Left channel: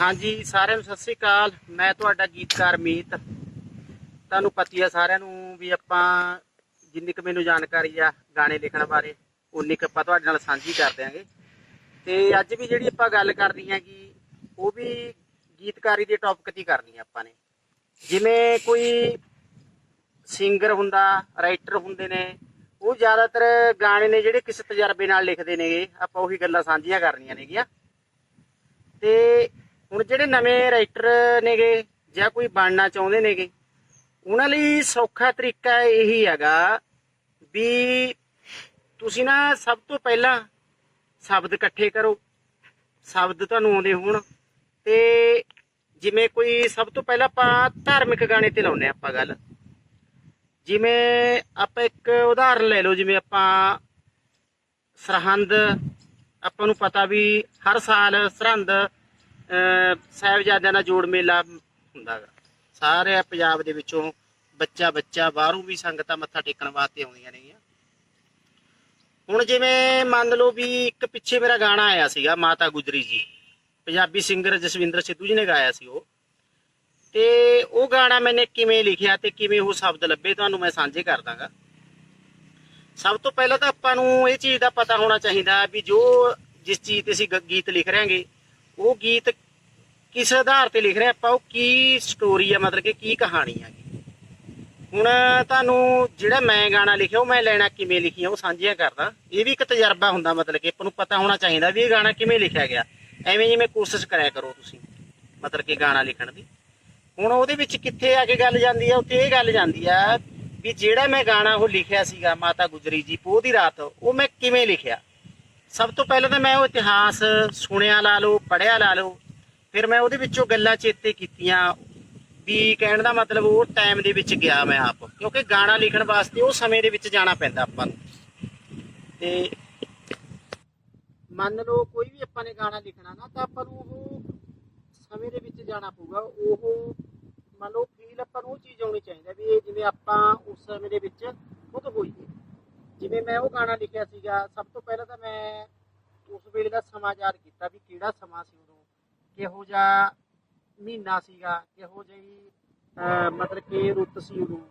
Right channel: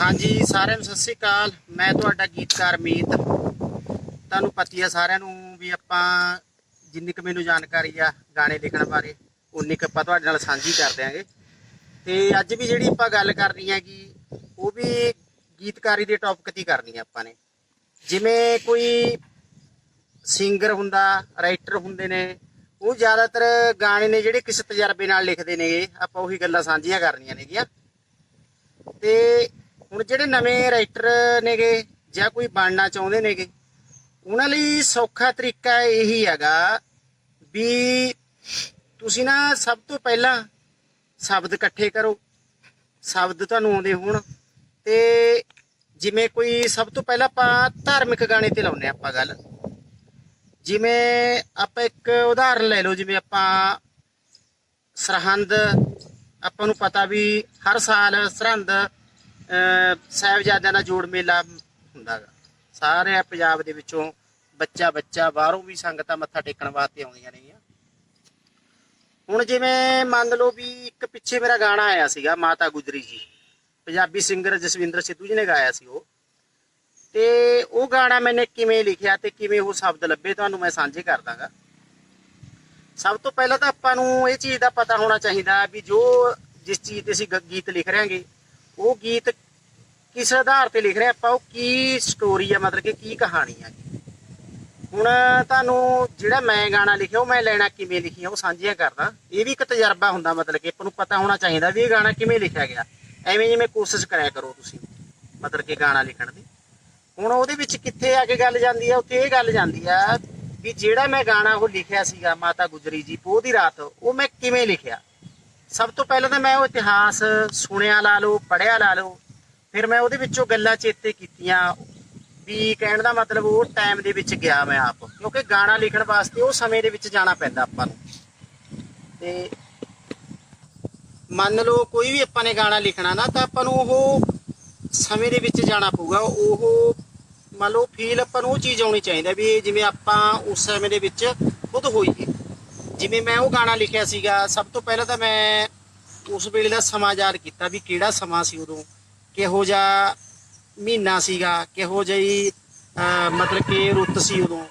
ਹਾਂਜੀ, ਸਾਰਿਆਂ ਨੂੰ ਸਤਿ ਸ੍ਰੀ ਅਕਾਲ। ਮੈਂ ਤੁਹਾਡਾ ਗੀਤਕਾਰ ਮੀਤ। ਤੁਹਾਨੂੰ ਪਤੀ ਆ ਸਾਰਿਆਂ ਨੂੰ ਵੀ ਆਪਾਂ ਜਿੰਨੀ ਕੁ ਮੈਨੂੰ ਜਾਣਕਾਰੀ ਆ ਗਾਣੇ ਲਿਖਣ ਬਾਰੇ, ਉਨੀ ਕੁ ਆਪਾਂ ਤੁਹਾਡੇ ਨਾਲ ਸਾਂਝੀ ਕਰ ਦਿਆਂਗੇ। ਤੇ ਅੱਜ ਵੀ ਜਿਹੜੀ ਆਪਾਂ ਗੱਲ ਕਰਨੀ ਹੈਗੀ, ਉਹ ਵੀ ਗੀਤਕਾਰੀ ਦੇ ਟੌਪਿਕ ਤੇ ਹੀ ਕਰਨੀ ਆ ਆਪਾਂ ਨੇ। ਜਿਵੇਂ ਕੋਈ ਸਿੰਗਰ ਹੁੰਦਾ ਰਾਈਟਰ ਹੁੰਦੇ ਨੇ, ਉਹ ਜ਼ਿਆਦਾਤਰ ਗਾਣੇ ਨੇ ਜਿਹੜੇ ਕਿਸੇ ਤਜਰਬੇ ਨਾਲ ਲਿਖਦੇ ਨੇਗੇ। ਆਪਾਂ ਉਹੀ ਗੱਲਾਂ ਸਾਂਝੀਆਂ ਕਰਨੀਆਂ ਨੇਗੀਆਂ। ਤੇ ਹੁਣ ਜਿਹੜੇ ਨਵੇਂ ਰਾਈਟਰ ਨੇਗੇ ਜਾਂ ਕੋਈ ਬਣਨਾ ਚਾਹੁੰਦੇ ਨੇਗੇ, ਉਹਨਾਂ ਲਈ ਸੌਖਾ ਤਰੀਕਾ ਇਹੀ ਹੈਗਾ ਵੀ ਤੁਸੀਂ ਨਾ ਸਭ ਤੋਂ ਪਹਿਲਾਂ ਸ਼ਬਦ ਇਕੱਠੇ ਕਰੋ। ਸ਼ਬਦ ਤੁਹਾਨੂੰ ਆਉਂਦੇ ਹੋਣ ਤੇ ਜਿਵੇਂ ਕੋਈ ਸਭ ਤੋਂ ਪਹਿਲਾਂ ਆਪਾਂ ਧਾਰਮਿਕ ਗਾਣੇ ਤੇ ਲਾਉਨੇ ਆਪਾਂ ਗੱਲ। ਜਿਵੇਂ ਆਪਾਂ ਇੱਕ ਉਦਾਹਰਨ ਲੈ ਲਓ, ਜਿਵੇਂ ਆਪਾਂ ਸਰਹੰਦ, ਆਪਾਂ ਨੂੰ ਪਤਾ ਵੀ ਹਰ ਸਾਲ ਸਰਹੰਦ ਸਾਹਿਬਜ਼ਾਦਿਆਂ ਦਾ ਜੋੜ ਮੇਲਾ ਹੁੰਦਾ ਗਾ ਸਾਰੇ ਪੰਜਾਬ ਦੇ ਵਿੱਚੋਂ ਬੱਚਾ ਬੱਚਾ ਬਾਹਰੋਂ ਵੀ ਸੰਗਤਾਂ ਮੱਥਾ ਟੇਕਣ ਵਾਸਤੇ ਆਉਂਦੀਆਂ ਨੇਗੀਆਂ। ਹੁਣ ਜਿਵੇਂ ਮੰਨ ਲਓ ਵੀ ਇੱਕ ਪਿੱਛੇ ਮੇਰਾ ਗਾਣਾ ਆਇਆ ਸੀਗਾ, ਮਾਤਾ ਗੁਜਰੀ ਜੀ। ਪੰਜਾਬੀ ਸਿੰਗਰ ਜਸਵਿੰਦਰ ਸਿੱਧੂ ਜੀ ਨੇ ਗਾਇਆ ਸੀ ਉਹ। ਤੇ ਉਹ ਗਾਣਾ ਮੈਨੇ ਕਿਵੇਂ ਲਿਖਿਆ ਤੇ ਕਿਵੇਂ ਉਹ ਸ਼ਬਦ ਲੱਭੇ ਤੁਹਾਨੂੰ ਮੈਂ ਸਾਂਝੇ ਕਰ ਦਾਂਗਾ। ਸਭ ਤੋਂ ਪਹਿਲਾਂ ਤਾਂ ਆਪਾਂ ਨੂੰ ਇਹ ਚੀਜ਼ ਦਾ ਪਤਾ ਹੋਣਾ ਚਾਹੀਦਾ ਵੀ ਜੋ ਜਿਸ ਚੀਜ਼ ਤੇ ਅਸੀਂ ਗ- ਗੀਤ ਲਿਖ ਰਹੇ ਹਾਂਗੇ ਉਹ ਗੀਤ ਕਿਸ ਆਧਾਰ ਤੇ ਲਿਖ ਰਹੇ, ਆਪਾਂ ਉਹ ਕੀ ਸਟੋਰੀ ਆ, ਮਤਲਬ ਕਿ ਕੀ ਕਹਾਣੀ ਆ ਹੁਣ ਤੁਹਾਨੂੰ ਜਿਹੜਾ ਮੈਂ ਗਾਣਾ ਲਿਖਿਆ, ਉਹ ਮੈਂ ਲੈਣਾ ਕਿਵੇਂ ਲਿਖੀਆਂ, ਉਹ ਸਾਂਝੀਆਂ ਕਰਦਾ। ਇਹ ਵੀ ਇੱਕ ਤਜਰਬਾ ਹੁੰਦਾ, ਮਤਲਬ ਕਿ ਆਪਾਂ ਨੂੰ ਪਤਾ ਹੋਣਾ ਚਾਹੀਦਾ ਵੀ ਇਹ ਗਾਣਾ ਕਿਵੇਂ ਲਿਖਿਆ ਗਿਆ। ਐਵੇਂ ਜਿਵੇਂ ਕੋਸ਼ਿਸ਼ ਕਰਿਆ ਕਰੋ ਤੁਸੀਂ, ਮਤਲਬ ਕਿ ਗਾਣਾ ਲਿਖਣ ਦੀ। ਹੁਣ ਉਹਦੇ ਵਿੱਚ ਕਿੱਥੇ ਆ ਕੇ ਗੱਲ ਜਾਂਦੀ ਆ, ਉੱਥੇ ਇਹ ਗੱਲ ਜਾਂਦੀ ਆ ਵੀ ਜਿਹੜਾ ਮੈਂ ਗਾਣਾ ਉਹ ਲਿਖਿਆ ਸੀਗਾ, ਮਾਤਾ ਗੁਜਰੀ ਜੀ, ਪੋਹ ਦੀ ਰਾਤ, ਉਹ ਮੈਂ ਕਿਵੇਂ ਲਿਖਿਆ? ਸਭ ਤੋਂ ਪਹਿਲਾਂ ਤਾਂ ਮੈਂ ਉਹ ਇਤਿਹਾਸ ਸੁਣਿਆ ਲਾ ਲਓ ਪੜਿਆ ਲਾ ਲਓ, ਫਿਰ ਮੈਂ ਉਹਦੇ ਵਿੱਚੋਂ ਗੱਲਾਂ ਚੇਤੇ ਕੀਤੀਆਂ। ਵੀ ਕਹਿਣ ਦਾ ਮਤਲਬ ਉਹ ਟਾਈਮ ਦੇ ਵਿੱਚ ਗਿਆ ਮੈਂ ਆਪ, ਕਿਉਂਕਿ ਗਾਣਾ ਲਿਖਣ ਵਾਸਤੇ ਉਹ ਸਮੇਂ ਦੇ ਵਿੱਚ ਜਾਣਾ ਪੈਂਦਾ ਆਪਾਂ ਨੂੰ। ਤੇ ਮੰਨ ਲਓ ਕੋਈ ਵੀ ਆਪਾਂ ਨੇ ਗਾਣਾ ਲਿਖਣਾ ਨਾ, ਤਾਂ ਆਪਾਂ ਨੂੰ ਉਹ ਸਮੇਂ ਦੇ ਵਿੱਚ ਜਾਣਾ ਪਊਗਾ। ਉਹ ਮੰਨ ਲਓ ਫੀਲ ਆਪਾਂ ਨੂੰ ਉਹ ਚੀਜ਼ ਆਉਣੀ ਚਾਹੀਦੀ ਵੀ ਜਿਵੇਂ ਆਪਾਂ ਉਸ ਸਮੇਂ ਦੇ ਵਿੱਚ ਖੁਦ ਹੋਈਏ। ਜਿਵੇਂ ਮੈਂ ਉਹ ਗਾਣਾ ਲਿਖਿਆ ਸੀਗਾ, ਸਭ ਤੋਂ ਪਹਿਲਾਂ ਤਾਂ ਮੈਂ ਉਸ ਵੇਲੇ ਦਾ ਸਮਾਂ ਯਾਦ ਕੀਤਾ ਵੀ ਕਿਹੜਾ ਸਮਾਂ ਸੀ ਉਦੋਂ, ਕਿਹੋ ਜਿਹਾ ਮਹੀਨਾ ਸੀਗਾ, ਕਿਹੋ ਜਿਹੀ ਮਤਲਬ ਕਿ ਰੁੱਤ ਸੀ ਉਦੋਂ।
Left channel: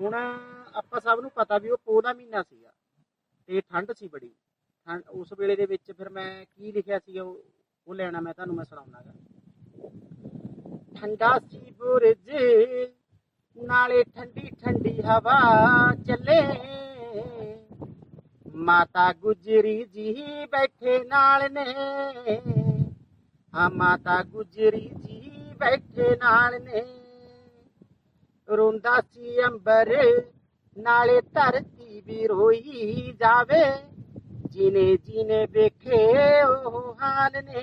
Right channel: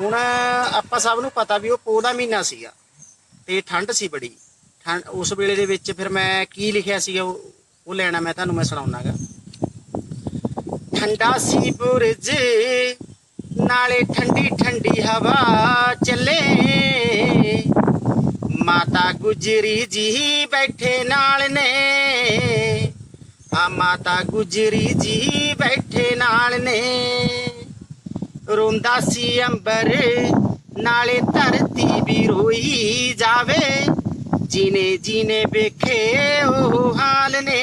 ਹੁਣ ਆਪਾਂ ਸਭ ਨੂੰ ਪਤਾ ਵੀ ਉਹ ਪੋਹ ਦਾ ਮਹੀਨਾ ਸੀਗਾ ਤੇ ਠੰਡ ਸੀ ਬੜੀ। ਠੰਡ, ਉਸ ਵੇਲੇ ਦੇ ਵਿੱਚ ਫਿਰ ਮੈਂ ਕੀ ਲਿਖਿਆ ਸੀਗਾ, ਉਹ ਉਹ ਲੈਣਾ ਮੈਂ ਤੁਹਾਨੂੰ ਮੈਂ ਸੁਣਾਉਣਾਗਾ ਠੰਡਾ ਸੀ ਬੁਰਜ ਨਾਲੇ ਠੰਡੀ ਠੰਡੀ ਹਵਾ ਚੱਲੇ। ਮਾਤਾ ਗੁਜਰੀ ਜੀ ਬੈਠੇ ਨਾਲ ਨੇ। ਆ ਮਾਤਾ ਗੁਜਰੀ ਜੀ ਬੈਠੇ ਨਾਲ ਨੇ। ਰੋਂਦਾ ਸੀ ਅੰਬਰ, ਨਾਲੇ ਧਰਤੀ ਵੀ ਰੋਈ ਜਾਵੇ। ਜਿਨੇ ਜਿਨੇ ਵੇਖੇ ਉਹ ਹਾਲ ਨੇ।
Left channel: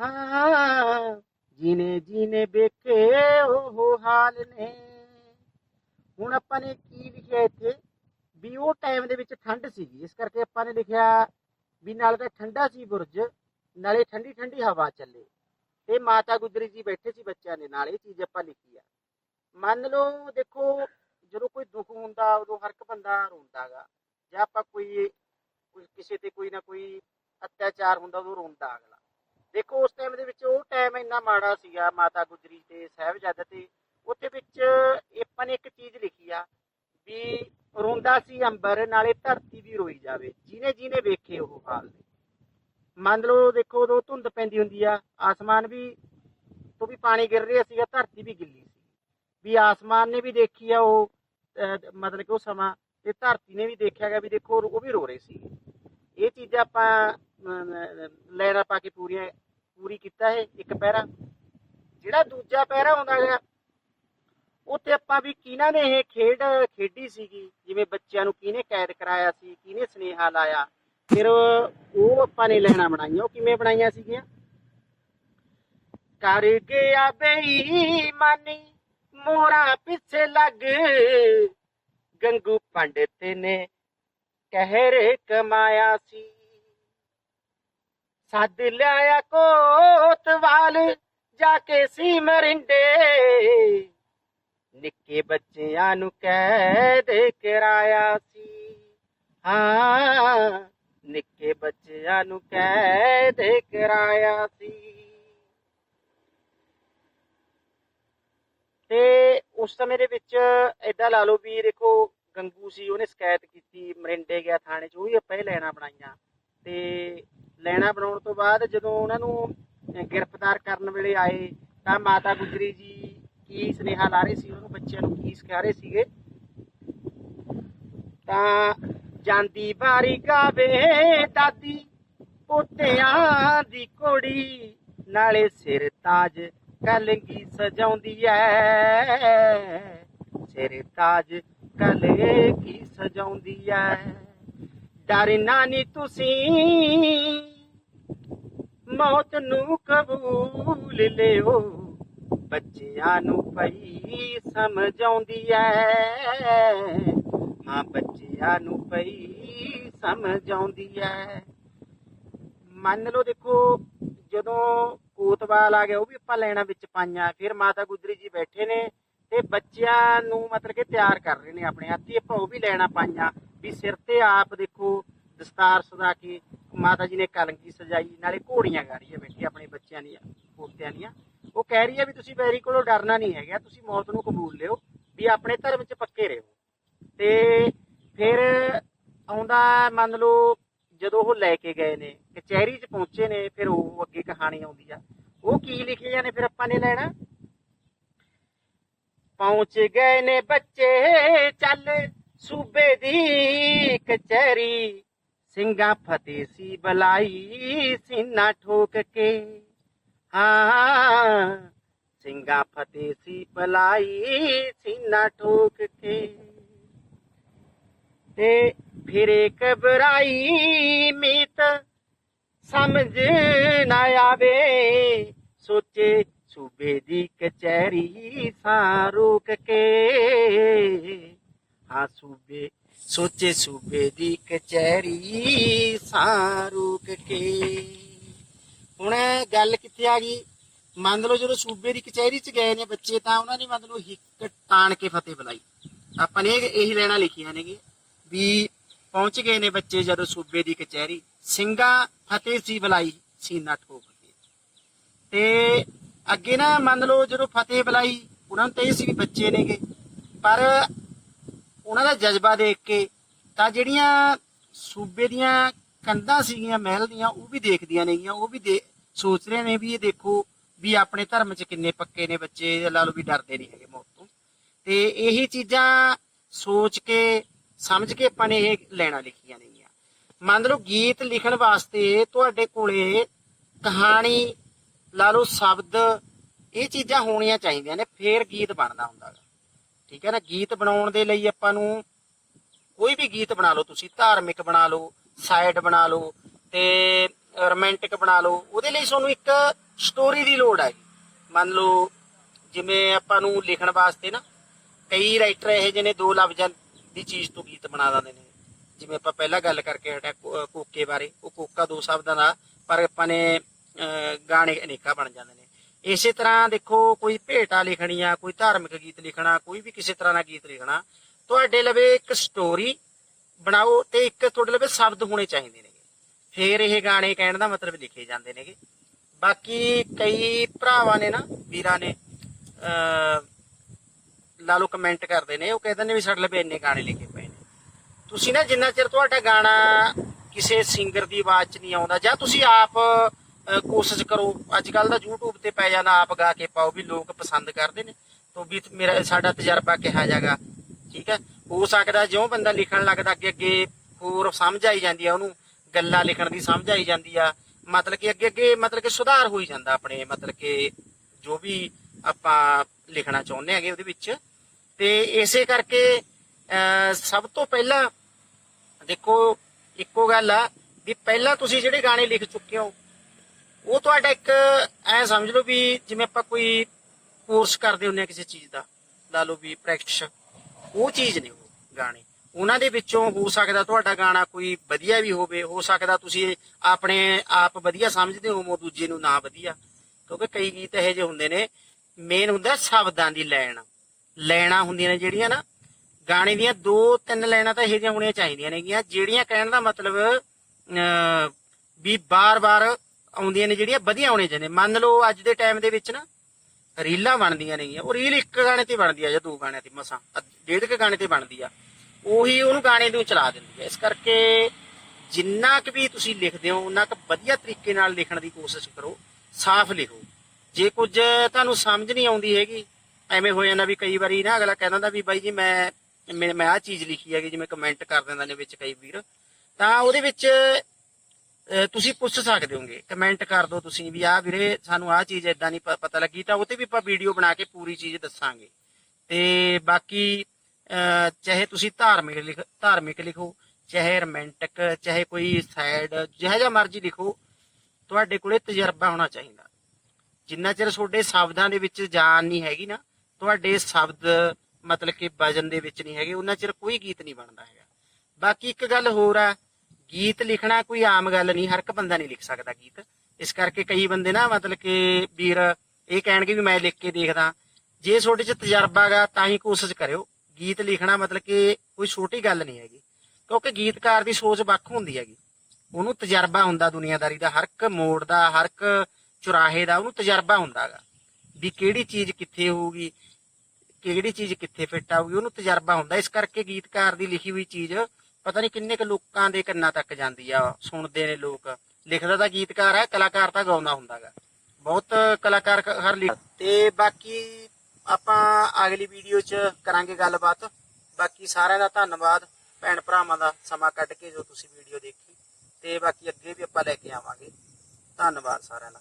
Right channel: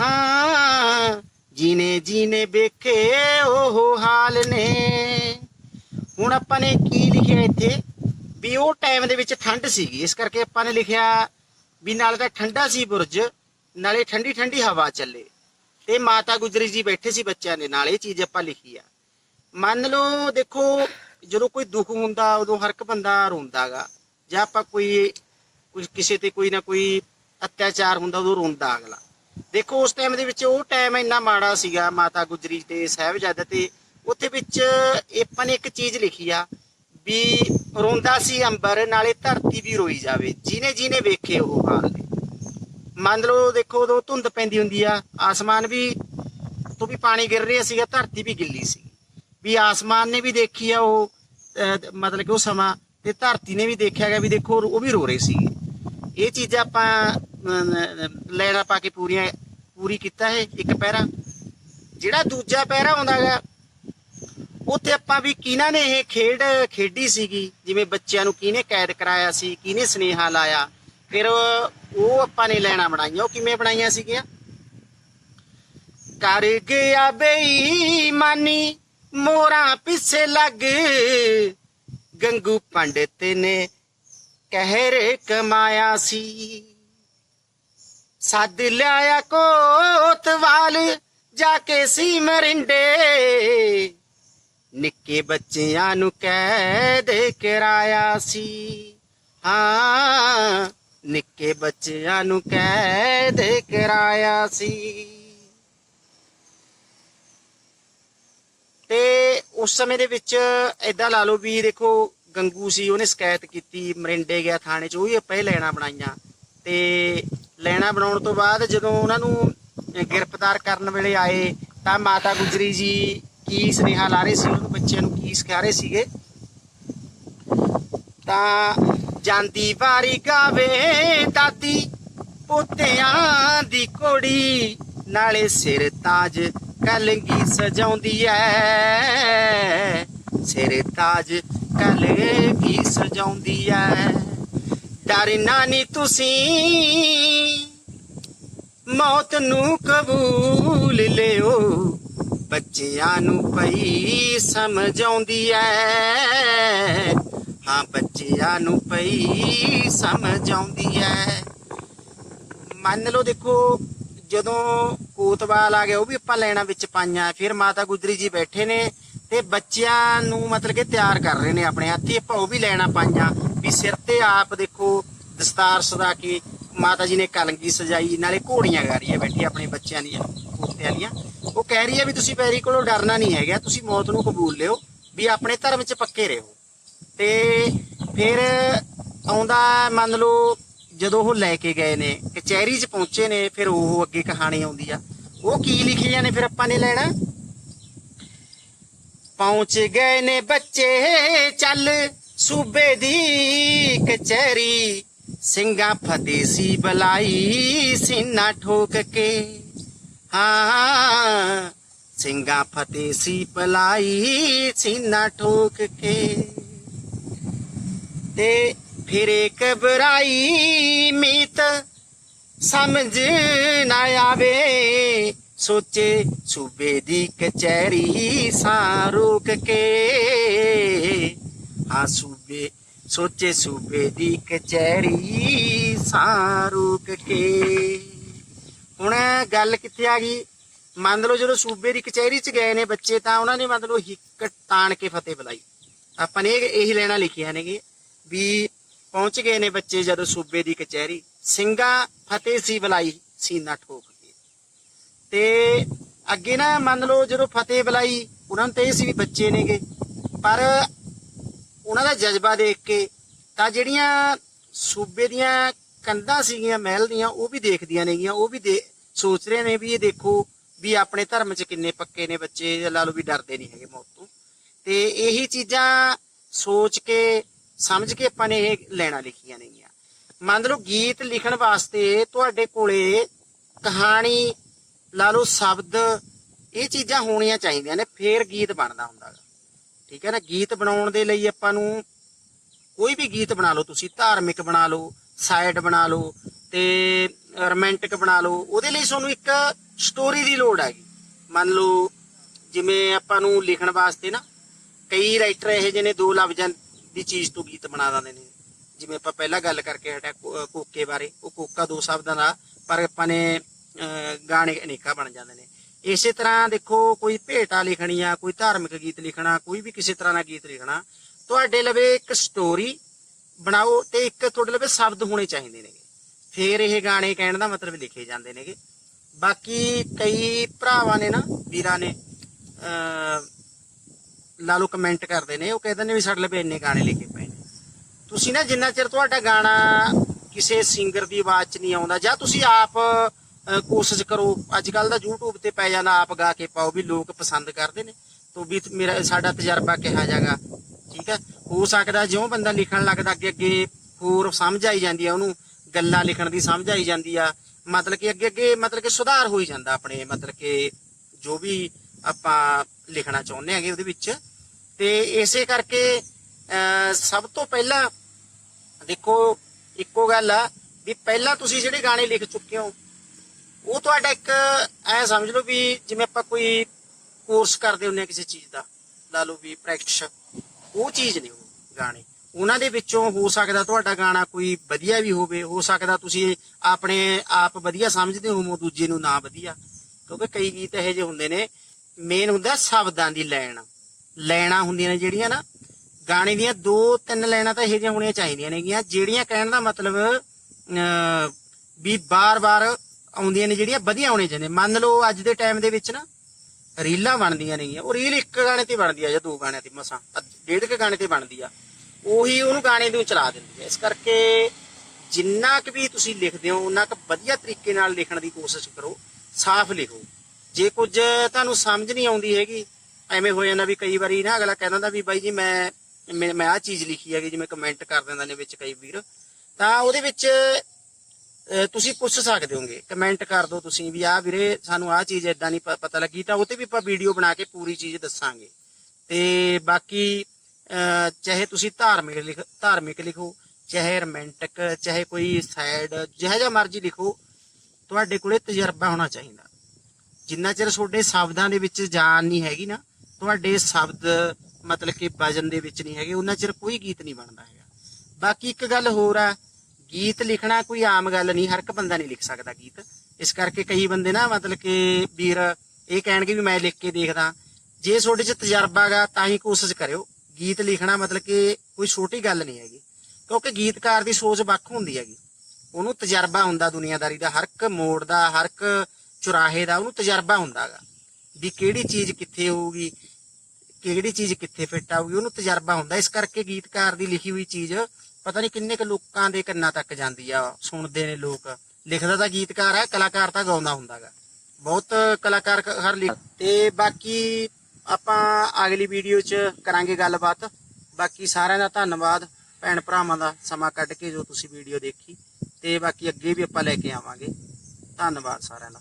ਹਾਂ ਜਿਨੇ ਜਿਨੇ ਵੇਖੇ ਉਹ ਹਾਲ ਨੇ। ਹੁਣ ਆਪਾਂ ਨੇ ਕੀ ਲਿਖਿਆ ਇੱਥੇ? ਵੀ ਉਹ ਟਾਈਮ ਦੇ ਵਿੱਚ ਠੰਡ ਸੀਗੀ। ਇਸ ਕਰਕੇ ਆਪਾਂ ਨੇ ਲਿਖਿਆ ਵੀ ਨਾਲ ਤਾਂ ਠੰਡਾ ਸੀ ਬੁਰਜ, ਨਾਲੇ ਠੰਡੀ ਠੰਡੀ ਹਵਾ ਚੱਲੇ। ਤੇ ਮਾਤਾ ਗੁਜਰੀ ਜੀ ਬੈਠੇ ਸੀ ਬੱਚਿਆਂ ਦੇ ਨਾਲ, ਇਹ ਚੀਜ਼ ਆਪਾਂ ਲਿਖੀ ਆ। ਮੰਨ ਲਓ, ਦੇਖੋ, ਜਦੋਂ ਕੋਈ ਦੁੱਖ ਹੁੰਦਾ, ਉਦੋਂ ਹਰ ਇੱਕ ਬੰਦਾ ਰੋਂਦਾਗਾ ਜਾਂ ਆਪਾਂ ਕੋਈ ਕਿਸੇ ਤੇ ਕੋਈ ਨਾ ਕੋਈ ਅਤਿਆਚਾਰ ਹੁੰਦਾ, ਉਦੋਂ ਰੋਂਦਾ ਅਗਲਾ। ਦੇਖੋ, ਉਸ ਟਾਈਮ ਦੇ ਵਿੱਚ ਉਹ ਟਾਈਮ ਇੰਨਾ ਮਾੜਾ ਸੀਗਾ, ਮਾਤਾ ਗੁਜਰੀ ਤੇ ਸਾਹਿਬਜ਼ਾਦਾ ਤੇ, ਉੱਥੇ ਵਿੱਚ ਆਪਾਂ ਨੇ ਇੱਕ ਚੀਜ਼ ਲਿਖੀ ਆ ਵੀ ਰੋਂਦਾ ਸੀ ਅੰਬਰ, ਨਾਲੇ ਧਰਤੀ ਵੀ ਰੋਈ ਜਾਵੇ ਜਿਹਨੇ ਜਿਹਨੇ ਵੇਖੇ ਉਹ ਹਾਲ ਮੰਨ ਲਓ, ਦੇਖੋ, ਉਦੋਂ ਧੁੰਦ ਪੈਂਦੀ ਹੁੰਦੀ ਆ, ਆਸਮਾਨ ਵੀ ਤੋਂ ਵੀ ਪਾਣੀ ਗਿਰ ਰਿਹਾ ਸੀਗਾ, ਧਰਤੀ ਵੀ ਗਿੱਲੀ ਸੀ। ਵੀ ਆਸਮਾਨ ਨੇ ਵੀ ਦੇਖੀ ਆ ਉਹ ਮਤਲਬ ਕਿ ਉਹ ਸਮਾਂ, ਤੇ ਧਰਤੀ ਨੇ ਵੀ ਦੇਖਿਆ ਗਿਆ ਵੀ ਦੇਖੋ, ਉਹ ਵੀ ਰੋ ਰਹੇ ਸੀ। ਇਹ ਚੀਜ਼ਾਂ ਆਪਾਂ ਲੈਣਾ ਪਾ ਕੇ ਪੂਰੀਆਂ, ਪੂਰੀ ਕੀਤਾ ਹੈ ਇੱਕ ਪੈਰਾ ਜਿਹੜਾ ਦੂਜਾ ਪੈਰਾ ਆਉਂਦਾਗਾ ਉੱਥੇ ਆਪਾਂ ਵੀ ਕਿਹਨਾਂ ਨੇ ਇਹ ਖੇਡ ਖੇਡੀ ਸੀਗੀ? ਜਿਵੇਂ ਬੱਚਿਆਂ ਨੂੰ ਕਿਹਨੇ ਕੈਦ ਕਰਾਇਆ ਸੀ, ਕਿਹਨੇ ਸਨੇਹਾ ਲਾਇਆ? ਫਿਰ ਉਹ ਆਪਾਂ ਨੇ ਲੈਣਾ ਬਣਾਈਆਂ, ਉਹ ਕਿਵੇਂ ਬਣਾਈਆਂ ਸੀਗੀਆਂ? ਕਰ ਗਿਆ ਬੇਈਮਾਨੀ, ਮੋਰਾ ਪਿੱਛੇ ਲੱਗ ਗੰਗੂ ਪੰਡਿਤ ਨੇ ਕਹਿਰੇ ਕਮਾਇਆ ਸੀ। ਸੱਦ ਲਿਆ ਕੋਤਵਾਲ ਜਾ ਕੇ ਸੀ ਮਰਿੰਡੇ ਨਿੱਕੇ ਬੱਚਿਆਂ ਨੂੰ ਕੈਦ ਕਰਾਇਆ ਸੀ। ਹਾਂ, ਨਿੱਕੇ ਬੱਚਿਆਂ ਨੂੰ ਕੈਦ ਕਰਾਇਆ ਸੀ। ਤੇ ਉਸ ਸਮੇਂ ਦੇ ਵਿੱਚ ਏਦਾਂ ਲਾ ਲਓ ਵੀ ਦੇਖੋ, ਗੰਗੂ ਸੀ, ਉਹਨੇ ਸ਼ਿਕਾਇਤ ਕੀਤੀ, ਮਰਿੰਡੇ ਗਿਆ ਥਾਣੇ 'ਚ, ਉਹ ਵੀ ਆਪੇ ਲੈਣਾ ਬਣਾਈਆਂ। ਤੇ ਲੈਣਾ ਬਣਾਉਣ ਤੋਂ ਬਾਅਦ ਜਦੋਂ ਉਹਨਾਂ ਨੂੰ ਗ੍ਰਿਫਤਾਰ ਕਰਨ ਵੇਲੇ ਆਏ, ਤਾਂ ਮਾਤਾ ਗੁਜਰੀ ਜੀ ਕੀ ਸੁਨੇਹਾ ਲਾ ਰਹੇ ਸੀ? ਉਹਨੂੰ ਬੱਚਿਆਂ ਨੂੰ ਕੀ ਸਿਖਾ ਰਹੇ ਸੀਗੇ? ਤਾਂ ਜਾਂਦੀ ਵਾਰੀ ਗਾਵੇ, ਦਾਦੀ, ਪੋਤਿਆਂ ਦੀ ਕੋੜੀ ਨਾਲੇ ਸਿਰ ਤਾਜ ਕਲਗੀ ਸਜਾਉਂਦੀ ਐ। ਸਿਰ ਤਾਜ ਕਲਗੀ ਸਜਾਉਂਦੀ ਐ। ਡਰਨਾ ਨੀ ਤੁਸੀਂ। ਮੌਤ ਨੂੰ ਕਬੂਲ ਲਿਓ। ਬੱਚਿਆਂ ਨੂੰ ਪਈ ਸਮਝਾਉਂਦੀ ਐ। ਹਾਂ, ਬੱਚਿਆਂ ਨੂੰ ਪਈ ਸਮਝਾਉਂਦੀ ਐ। ਮੰਨ ਲਓ ਦੇਖੋ, ਜਦੋਂ ਕੋਤਵਾਲ ਆ ਗਿਆ, ਉਹ ਵੀ ਆਪਾਂ ਲੈਣਾ ਵਿੱਚ ਪਾਈਆਂ। ਫਿਰ ਮਾਤਾ ਗੁਜਰੀ ਜੀ ਬੈਠੇ ਨੇ ਤੇ ਬੱਚਿਆਂ ਨੂੰ ਮਤਲਬ ਕਿ ਤਿਆਰ ਕਰ ਰਹੇ ਨੇ ਆਪਣੇ ਹੱਥੀ। ਆਪਾਂ ਉਹ ਵੀ ਲੈਣਾ ਪਾਈਆਂ। ਵੀ ਸਿਰ ਤੇ ਆਪ ਦੇਖੋ ਦਸਤਾਰ ਸਦਾ ਕੇ ਮਾਤਾ ਜੀ ਨੇ ਕਲੰਗੀ ਸਜਾਈ, ਨਾਲੇ ਘੋੜੀਆਂ ਗਾ ਰਹੀ ਹੈ ਬੈਠੀ ਆਪਣੇ ਬੱਚਿਆਂ ਦੀਆਂ, ਪੋਤਿਆਂ ਦੀਆਂ। ਉਹ ਕਹਿ ਰਹੀ ਹੈ ਵੀ ਤੁਸੀਂ ਪੈਰੀ ਕੋਲੋਂ ਡਰਨਾ ਨਹੀਂ ਹੈਗਾ, ਤੁਸੀਂ ਮੌਤ ਨੂੰ ਕਬੂਲ ਲਿਓ ਵੀ ਆਪਣੇ ਧਰਮ 'ਚ ਪੱਕੇ ਰਹੋ। ਤੇ ਫਿਰ ਆਉਂਦਾ ਮੰਨ ਲਓ ਜਦੋਂ ਉਹ ਲੈ ਕੇ ਗਏ ਨੇ, ਕਚਹਿਰੀ 'ਚ ਪਹੁੰਚੇ ਨੇ, ਫਿਰ ਉਹ ਅੱਗੇ ਕਹਾਣੀ ਆਉਂਦੀ ਆ। ਉਹ ਕੀ ਲਿਖੀਆਂ ਨੇ ਫਿਰ ਆਪਾਂ ਨੇ ਲੈਣਾ? ਪਹੁੰਚ ਗਏ ਨੇ ਬੱਚੇ, ਚੱਲ ਸੂਬੇ ਦੀ ਕਚਹਿਰੀ, ਸਿੰਘਾਂ ਫਤਿਹ ਸੀ ਬਲਾਈ, ਸੀਨਾ ਠੋਕ ਕੇ। ਹਾਂ, ਸਿੰਘਾਂ ਫਤਿਹ ਸੀ ਬਲਾਈ, ਸੀਨਾ ਠੋਕ ਕੇ। ਤੇ ਫਿਰੇ ਕਬਰਾਈ ਮੀਤ ਸਮਝ ਨਾ ਆਵੇ। ਸੋਚੇ ਸੂਬੇ ਦੀ ਕਚਹਿਰੀ ਸਾਂ ਰੋਕ ਕੇ। ਹਾਂ ਸੂਬੇ, ਸੋਚੇ ਸੂਬੇ ਦੀ ਕਚਹਿਰੀ ਸਾਂ ਕੇ ਹੁਣ ਗੱਲ ਕਿੱਥੇ ਆ ਗਈ? ਮੰਨ ਲਓ ਜਦੋਂ ਸੂਬੇ ਦੀ ਕਚਹਿਰੀ 'ਚ ਗਏ ਨੇ ਬੱਚੇ, ਤਾਂ ਉਹਨਾਂ ਨੇ ਮੰਨ ਲਓ ਹਿੱਕ ਤਾਣ ਕੇ ਫਤਿਹ ਬੁਲਾਈ। ਆਪਾਂ ਨੇ ਇਹੀ ਲੈਣਾ ਲਿਖਿਆ ਨੇਗੇ ਵੀ ਪਹੁੰਚ ਗਏ ਨੇ ਬੱਚੇ ਜਦੋਂ ਸੂਬੇ ਦੀ ਕਚਹਿਰੀ। ਸਿੰਘਾਂ ਫਤਿਹ ਸੀ ਬੁਲਾਈ ਸੀਨਾ ਠੋਕ ਕੇ। ਤੇ ਅੱਗੇ ਨਾ ਮੰਨ ਲਓ ਜਦੋਂ ਫਤਿਹ ਬੁਲਾਈ, ਉਹਨਾਂ ਨੂੰ ਤੇ ਇਹ ਸੀ ਵੀ ਬੱਚੇ ਨੇਗੇ। ਪਰ ਉਹਨਾਂ ਦਾ ਜਜ਼ਬਾ ਦੇਖ ਕੇ ਤਾਂ ਜਿਹੜੀਆਂ ਸੂਬੇ ਦੀਆਂ ਕੰਧਾਂ ਸੀਗੀਆਂ, ਮਹਿਲ ਦੀਆਂ, ਉਹ ਵੀ ਦੇਖਦੀਆਂ ਨੇਗੀਆਂ। ਉਹ ਵੀ ਦੇ- ਸੋਚ ਰਹੇ ਨੇ ਵੀ ਇਹ ਦੇਖੋ ਵੀ ਆਪਣੇ ਧਰਮ 'ਚ ਕਿੰਨੇ ਪੱਕੇ ਨੇ ਬੱਚੇ ਲਾ ਲਓ ਵੀ ਡਰਦੇ ਨਹੀਂ ਹੈਗੇ ਮੌਤ ਤੋਂ। ਤੇ ਇਹੀ ਚੀਜ਼ਾਂ ਸੋਚ ਕੇ, ਸਮਝ ਕੇ ਆਪਾਂ ਨੇ ਇਹ ਲੈਣਾ ਲਿਖੀਆਂ ਨੇਗੀਆਂ। ਮੰਨ ਲਓ ਗੀਤ ਲਿਖਣ ਵਾਸਤੇ ਤੁਹਾਡੇ ਕੋਲੇ ਕਹਾਣੀ, ਲਾ ਲਓ ਸ਼ਬਦ, ਇਹ ਚੀਜ਼ਾਂ ਹੋਣੀਆਂ ਚਾਹੀਦੀਆਂ ਨੇ, ਫੇਰ ਗੀਤ ਬਣਦਾ ਹੁੰਦਾ ਗਾ। ਠੀਕ ਹੈ ਨਾ, ਗੀਤ ਬਣਾਉਣ ਦੇ ਲਈ ਆਪਾਂ ਨੂੰ ਕੋਈ ਵੀ ਗੀਤ ਬਣਾ ਲਓ, ਤੁਸੀਂ ਧਾਰਮਿਕ ਬਣਾ ਲਓ ਸਾਈਡ ਬਣਾ ਲਓ ਤੇ ਰੋਮਾਂਟਿਕ ਬਣਾ ਲਓ, ਉਹਦੇ ਲਈ ਤੁਹਾਨੂੰ ਇੱਕ ਸਟੋਰੀ ਦੀ ਲੋੜ ਹੈਗੀ। ਮੰਨ ਲਓ, ਜਿਵੇਂ ਆਪਾਂ ਨੂੰ ਲਿਖਣ ਵਾਸਤੇ ਨਾ ਕਈ ਰਾਈਟਰ ਇਹੋ ਜਿਹੇ ਨੇ, ਦੋ ਲਫ਼ਜ਼ਾਂ ਦੀ ਚੀਜ਼ ਤੋਂ ਗੀਤ ਬਣਾ ਦਿੰਦੇ ਨੇ। ਜਿਵੇਂ ਆਪਾਂ ਪਹਿਲਾਂ ਗੱਲ ਕਰਕੇ ਹਟਿਆ ਕੋ- ਕੋਕੇ ਬਾਰੇ, ਉਹ ਕੋਕਾ ਦੋ ਸ਼ਬਦਾਂ ਦਾ, ਪਰ ਆਪਾਂ ਨੇ ਗਾਣੇ ਅਨੇਕਾਂ ਬਣ ਜਾਂਦੇ ਨੇ। ਇਸੇ ਤਰ੍ਹਾਂ ਦੇਖੋ, ਕੋਈ ਭੇਟਾ ਲਿਖਣੀ ਆ, ਕੋਈ ਧਾਰਮਿਕ ਗੀਤ ਲਿਖਣਾ, ਕੋਈ ਵੀ ਕਿਸੇ ਤਰ੍ਹਾਂ ਦਾ ਗੀਤ ਲਿਖਣਾ, ਤੁਹਾਡੇ ਲਵੇ ਇੱਕ ਸਟੋਰੀ ਬਣਾਓ ਤੇ ਇੱਕ ਤੁਹਾਡੇ ਲਵੇ ਸ਼ਬਦ ਹੋਣੇ ਚਾਹੀਦੇ ਨੇਗੇ। ਫੇਰ ਇਹ ਗਾਣੇ ਕਹਿਣ ਦਾ ਮਤਲਬ ਲਿਖੇ ਜਾਂਦੇ ਨੇਗੇ। ਬਾਕੀ ਕਈ ਭਰਾਵਾਂ ਨੇ ਨਾ, ਵੀਰਾਂ ਨੇ ਅ ਲਾ ਲਓ ਕਮੈਂਟ ਕਰਦੇ ਨੇ, ਉਹ ਕਹਿੰਦੇ ਨੇ ਵੀ ਸਾਡੇ ਲਵੇ ਇੰਨੇ ਗਾਣੇ ਲਿਖੇ ਪਏ ਨੇ। ਤੁਸੀਂ ਨਾ ਜਿੰਨਾ ਚਿਰ ਤੁਹਾਡਾ ਗਾਣਾ ਕਿਸੇ ਸਿੰਗਰ ਦੀ ਆਵਾਜ਼ 'ਚ ਨਹੀਂ ਆਉਂਦਾ ਜਾਂ ਤੁਸੀਂ ਆਪ ਕੋਸ਼ਿਸ਼ ਕਰੋ ਅੱਜ ਕੱਲ ਦਾ YouTube ਤੇ ਪੈ ਜਾਣਾ ਆਪ ਗਾ ਕੇ ਪਾਓ ਵੀ ਲੋਕ ਪਸੰਦ ਕਰਦੇ ਨੇ। ਤੋਂ ਵੀ ਮੇਰਾ ਸਾਡਾ ਤਜਰਬਾ ਕਿਹਾ ਜਾਗਾ। ਠੀਕ ਹੈ? ਹੋ ਸਕਦਾ ਜਿਉਂ ਬੰਦਾ ਲਿਖਣ ਲੱਗਦਾ ਅੱਗੇ ਅੱਗੇ ਹੋਰ ਸਮਝ ਆਈ ਜਾਂਦੀ ਆ ਉਹਨੂੰ ਗੱਲਾਂ ਲਿਖਣ ਦੀ ਸਮਝ ਆਈ ਜਾਂਦੀ ਆ। ਮਤਲਬ ਕਿ ਅੱਗੇ ਅੱਗੇ ਮਤਲਬ ਕਿ ਸੁਧਾਰ ਹੋਈ ਜਾਂਦਾ ਆਪਣੇ ਮਤਲਬ ਕਿ ਜੋ ਵੀ ਆਪਾਂ ਲਿਖਣਾ ਚਾਹੁੰਦੇ ਹੈਗੇ ਉਹਦੇ ਵਿੱਚ। ਤੇ ਇਸੇ ਕਰਕੇ ਅਹ, ਸਭ ਤੋਂ ਪਹਿਲਾਂ ਦੇਖੋ ਇੱਕੋ ਗੱਲ ਆ ਵੀ ਪਹਿਲਾਂ ਤੁਸੀਂ ਜਿਹੜੇ ਗਾਣੇ ਲਿਖ ਚੁੱਕੇ ਹੋ ਉਹ ਤੁਹਾਡਾ ਇੱਕ ਐ ਸਮਝ ਲਓ ਵੀ ਜਿਵੇਂ ਆਪਾਂ ਕੋਈ ਕੋਰਸ ਕਰਦੇ ਹੁੰਦੇ ਆ ਕਿਸੇ ਚੀਜ਼ ਦਾ ਲਾ ਲਓ ਵੀ ਪ੍ਰੈਕਟਿਸ ਉਹ ਚੀਜ਼ ਨੇ ਉਹ ਗਾਣੇ। ਉਹਨਾਂ ਦੇ ਵਿੱਚੋਂ ਹੋ ਸਕਦਾ ਤੁਹਾਡਾ ਗਾਣਾ ਕੋਈ ਵਧੀਆ ਵੀ ਹੋਵੇ ਹੋ ਸਕਦਾ ਤੁਸੀਂ ਆਪਣੇ ਆਪ ਵਧੀਆ ਸਮਝਦੇ ਹੋਵੋ ਦੂਜੇ ਨੂੰ ਨਾ ਵਧੀਆ। ਕਿਉਂਕਿ ਕਈ ਗੀਤ ਇਹੋ ਜਿਹੇ ਹੁੰਦੇ ਨੇ ਮੇਨ ਹੁੰਦਾ ਸ਼ਬਦਾਂ ਦੀ ਲੈਣ। ਲੈਣਾ ਹੁੰਦੀਆਂ ਨੇ ਜਿਹੜੀਆਂ ਨਾ ਗਾਣੇ ਦੀਆਂ ਦੋ ਤਿੰਨ ਲਾਈਨਾਂ ਤਾਂ ਇਹੋ ਜਿਹੀਆਂ ਹੋਣੀਆਂ ਚਾਹੀਦੀਆਂ ਨੇਗੀਆਂ ਜਿਹੜੀਆਂ ਕਹਿਣ ਦਾ ਮਤਲਬ ਅਹ, ਵੀ ਬਾਰ-ਬਾਰ ਆਉਂਦੀਆਂ ਨੇ ਜਿਹੜੀਆਂ, ਵਧੀਆ ਆਉਣੇ ਚਾਹੀਦੇ। ਮੰਨ ਲਓ ਅੱਜ ਦੇ ਟਾਈਮ ਦੇ ਵਿੱਚ ਨਾ, ਰੀਲਾਂ ਬਣਦੀਆਂ ਨੇਗੀਆਂ। ਉਹ ਰੀਲ ਇੱਕ ਗਾਣੇ ਤੇ ਬਣਦੀ ਆ ਜਾਂ ਦੋ ਗਾਣਿਆਂ ਤੇ, ਮਸਾਂ। ਡੇਢ ਕੇ ਗਾਣੇ ਤੇ ਬਣਦੀ ਆ। ਉਹੀ ਉਹਨੂੰ ਗਾਣੇ ਨੂੰ ਚਲਾ ਦਿੰਦੀ ਆ। ਇਸ ਕਰਕੇ ਜਿੰਨਾ ਕੁ ਵੀ ਤੁਸੀਂ ਲਿਖਦੇ ਹੋ ਉਹਨਾਂ ਕੁ ਵਧੀਆ ਤਰੀਕੇ ਨਾਲ ਲਿਖਣ ਦੀ ਕੋਸ਼ਿਸ਼ ਕਰੋ। ਸਾਫ਼ ਲਿਖੋ। ਜੇ ਕੁਝ ਤੁਹਾਨੂੰ ਸਮਝ ਨਹੀਂ ਆਉਂਦੀ ਹੈਗੀ, ਐਵੇਂ ਹੋ ਜਾਂਦਾ ਵੀ ਕਈ ਵਾਰੀ ਨਾ ਅਗਲਾ ਕਹਿ ਦਿੰਦਾ ਵੀ ਬਾਈ ਜੀ ਮੈਂ ਮੈਂ ਮੈਂ ਆਹ ਚੀਜ਼ ਲਿਖੀ ਹੈਗੀ, ਜਿਵੇਂ ਕਮੈਂਟ ਕਰ ਦਿੰਦਾ ਨੇ ਵਿੱਚ ਕਈ ਵੀਰ। ਤਾਂ ਉਹਦੇ ਵਿੱਚ ਤੁਸੀਂ ਪੁੱਛ ਸਕਦੇ ਹੋਗੇ ਕਮੈਂਟ ਕਰ ਦਿਓ ਤੁਸੀਂ ਵੀ, ਆਹ ਵੀਰੇ, ਸਾਨੂੰ ਆਹ ਚੀਜ਼ ਇਦਾਂ ਨਹੀਂ ਪ- ਪਤਾ ਲੱਗੀ। ਤਾਂ ਉਹ ਤੇ ਵੀ ਆਪਾਂ ਵੀਡੀਓ ਬਣਾ ਕੇ ਪੂਰੀ ਚੀਜ਼ ਦੱਸਾਂਗੇ। ਤੇ ਬਾਕੀ ਚਾਹੇ ਤੁਸੀਂ ਧਾਰਮਿਕ ਲਿਖ, ਧਾਰਮਿਕ ਲਿਖੋ, ਚਾਹੇ ਰੋਮਾਂਟਿਕ ਚਾਹੇ ਕੋਈ ਸੈਡ ਜਿਹੋ ਜਿਹਾ ਮਰਜ਼ੀ ਲਿਖੋ, ਤੁਹਾਡੇ ਕੋਲੇ ਤਜਰਬਾ ਹੋਣਾ ਚਾਹੀਦਾ। ਜਿੰਨਾ ਚਿਰ ਤੁਹਾਡੇ ਸ਼ਬਦਾਂ ਦੇ ਵਿੱਚ ਜਾਨ ਨਹੀਂ ਹੈਗੀ ਨਾ, ਤੁਹਾਡੇ ਸ਼ਬਦ ਮਤਲਬ ਕਿ ਵਜਨ ਦੇ ਵਿੱਚ ਨਹੀਂ ਹੈਗੇ, ਉਹਨਾਂ ਚਿਰ ਕੋਈ ਗੀਤ ਨਹੀਂ ਬਣਦਾ ਹੈਗਾ। ਬਾਕੀ ਇੱਕ ਗੱਲ ਹੋਰ ਆ ਗੀਤ ਲਿਖਣਾ ਕੋਈ ਆਮ ਗੱਲ ਨਹੀਂ, ਹਰ ਇੱਕ ਬੰਦਾ ਨਹੀਂ ਲਿਖ ਸਕਦਾ ਗੀਤ। ਇਸ ਕਰਕੇ ਕਈ ਬੰਦੇ ਨਾ ਮਤਲਬ ਕਿ ਵੀਰ ਇਹ ਕਹਿਣਗੇ ਵੀ ਮੈਂ ਲਿਖ ਕੇ ਦੇਖਦਾ। ਜੇ ਤੁਹਾਡੇ 'ਚ ਤਜਰਬਾ ਗਾ ਤਾਂ ਹੀ ਕੋਸ਼ਿਸ਼ ਕਰਿਓ। ਗੀਤ ਲਿਖਣਾ ਮਤਲਬ ਕਿ ਕੋਈ ਛੋਟੀ ਗੱਲ ਨਹੀਂ ਹੈਗੀ। ਕਿਉਂਕਿ ਗੀਤਕਾਰ ਦੀ ਸੋਚ ਵੱਖ ਹੁੰਦੀ ਹੈਗੀ। ਉਹਨੂੰ ਤਜਰਬਾ ਹੁੰਦਾ ਦੁਨੀਆਦਾਰੀ ਦਾ, ਹਰ ਇੱਕ ਮੋੜ ਦਾ, ਹਰ ਇੱਕ ਚੁਰਾਹੇ ਦਾ, ਉਹਨੂੰ ਤਜਰਬਾ ਹੁੰਦਾਗਾ ਵੀ ਕਿਹੜੀ ਚੀਜ਼ ਕਿੱਥੇ ਹੋਊਗੀ, ਕਿਹੜੀ ਚੀਜ਼ ਕਿੱਥੇ ਫਿੱਟ ਆਊਗੀ, ਉਹਨੂੰ ਤਜਰਬਾ ਹੁੰਦਾ। ਇਸ ਕਰਕੇ ਗੀਤਕਾਰ ਦੀ ਲਿਖੀ ਹੋਈ ਚੀਜ਼ ਪਤਾ ਨਹੀਂ ਕਿੰਨੇ ਕੁ ਲੋਕਾਂ ਦੇ ਕੰਨਾਂ ਤੱਕ ਜਾਂਦੀ ਆ, ਸੁਣਦੇ ਨੇ ਲੋਕ। ਲਿਖਦਾ ਤਾਂ ਗੀਤਕਾਰ ਹੈ ਕਲਾਕਾਰ ਤਾਂ ਗਾਉਂਦਾ ਹੁੰਦਾਗਾ। ਬਹੁਤ ਕਲਾਕਾਰ ਹਰ ਲਿਖ ਤੇ ਬਾਕੀ ਆਪਾਂ ਅਗਲੀ ਵੀਡੀਓ 'ਚ ਕਰਾਂਗੇ ਗੱਲਬਾਤ। ਬਾਕੀ ਸਾਰਿਆਂ ਦਾ ਧੰਨਵਾਦ, ਭੈਣ ਭਰਾਵਾਂ ਦਾ ਸਮਾਂ ਕੱਢ ਕੇ ਜੋ ਤੁਸੀਂ ਵੀਡੀਓ ਦੇਖੀ। ਤੇ ਬਾਕੀ ਅੱਗੇ ਵੀ ਆਪਾਂ ਲੈ ਕੇ ਆਵਾਂਗੇ। ਧੰਨਵਾਦ ਸਾਰਿਆਂ ਦਾ।